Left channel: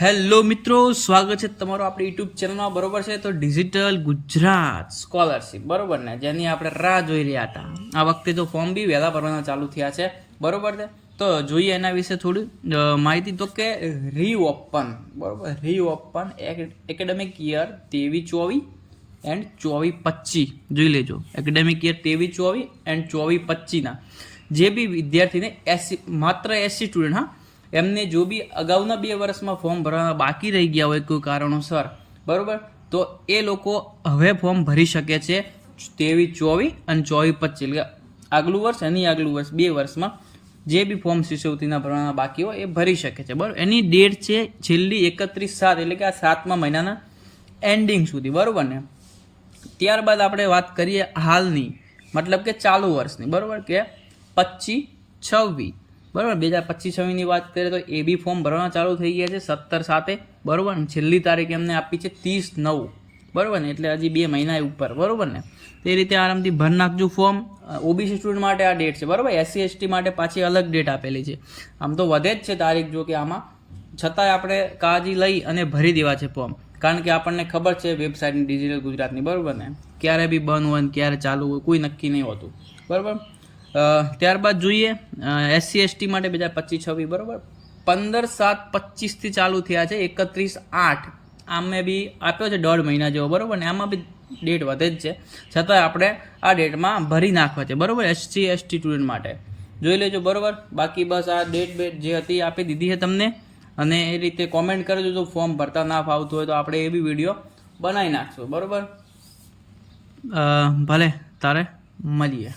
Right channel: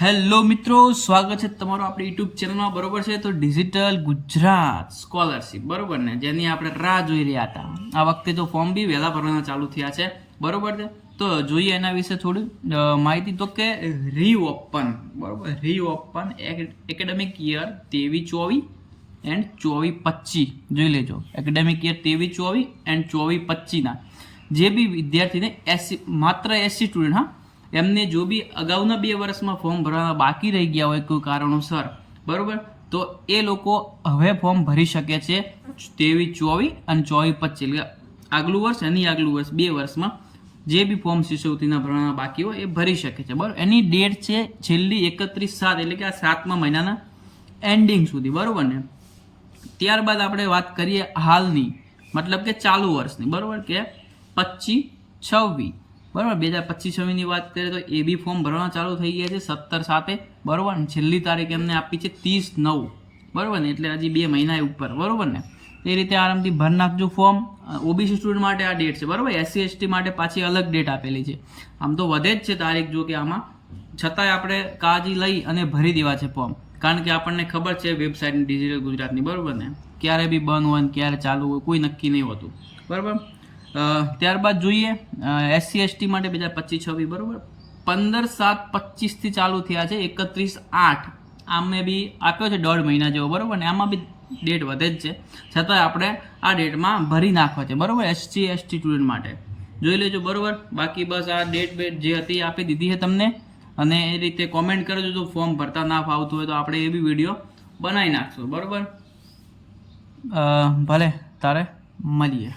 Hello મિત્રો, સ્વાગત છે તમારું આપણી યુટ્યુબ ચેનલમાં બરોબર છે? તો ડિજિટલ ગુજરાત સ્કોલરશિપ બરોબર ને? જેની આપણે રાહ જોઈ રહ્યા હતા. આ વખતે તો ફોર્મ બી વહેલા ભરવાના ચાલુ થયા છે. બરોબર છે? તો જોઈએ એના વિશે થોડી. માહિતી તો કે રીઓપન બરોબર? રીઓપન એકેડેમિક યર તેવી ચોવીસ એન્ડ ચોવીસ, પચીસ. જોઈ લેજો. એકેડેમિક યર તેવી ચોવીસ એન્ડ ચોવીસ પચીસના જે બી વિદ્યાર્થીને એસી, માત્ર એસી સ્ટુડન્ટ હા એમને જો બી અગાઉના બે વર્ષમાં ફોર્મ ભરવાના બાકી રહી ગયા હોય કોઈ કારણોસર, બરાબર? તો એ લોકો હવે ફોર્મ ભરી શકે છે તેવી ચોવીસ અને ચોવીસ પચીસ. આગલું વર્ષ એની આગલું વર્ષ, બે વર્ષમાં જે બી ફોર્મ શિષ્યવૃત્તિના ભરવાના બાકી હોય એ ભરી શકે છે. બરાબર? એની ડેટ છે છેલ્લી એકત્રીસ સાત, એટલે કે આ સાતમા મહિનાના એન્ડિંગ સુધી, બરાબર ને? ત્યારબાદ આપણે વાત કરીએ હાલની, મતલબ કે ચાલુ વર્ષની, બરાબર? કે પચીસ, છવ્વીસ. બરાબર? બે હજાર પચીસ વાત કરીએ તો એ બી ફોર્મ ભરવાના ચાલુ થઈ ગયા છે સત્તર સાતે બરાબર? છેલ્લી તારીખ એમને આપી છે ત્રીસ નવ. બરાબર ને? એટલે હજી બે મહિના ઉપર. બરાબર ને? તે રીતે આરામથી ભર નાખજો ફોર્મ ઓબીસી સ્ટુડન્ટ માટે આ ડેટ છે. બરાબર? એસસી એસટી માટે પાછી અલગ ડેટ આપેલી છે. આમ તો વધે જ છે તારીખ જો કે આમાં. છતાંય આપણે કાળજી લઈ અને ભરી દેવા છે ફોર્મ કારણ કે આપણને ખબર છે વેબસાઇટની ડિજિટલ ગુજરાતની. બરાબર ને? ક્યારે બી બંધ હોય ને ક્યારે ચાલુ હોય, કોઈ નક્કી નહીં હોતું. બરાબર? ત્યારબાદ જોઈએ એસસી એસટી માટે બે હજાર પચીસ છવ્વીસ, બરાબર? પંદર સાત પચીસથી ચાલુ થયા છે, એકત્રીસ આઠ. આમને બી આપ્યો છે દોઢ મહિના જેવો, બરાબર? ને આમાં બી ડેટ વધે જ છે. છતાંય આપણે આ ડેટમાં ભરી નાખવા છે, બરાબર? એસસી એસટી સ્ટુડન્ટ માટે. જોઈ લેજો, બરાબર? બાકી બસ આ ડેટ બેટ જે હતી આપી દીધી છે તમને. અને એ રીતે કોમેન્ટ કરજો, જો ફોર્મ ભરતા ના ફાવતું હોય તો આપણે એ બી વીડિયો બનાવી નાખશું, બરાબર? ભલે, તારે મળીએ.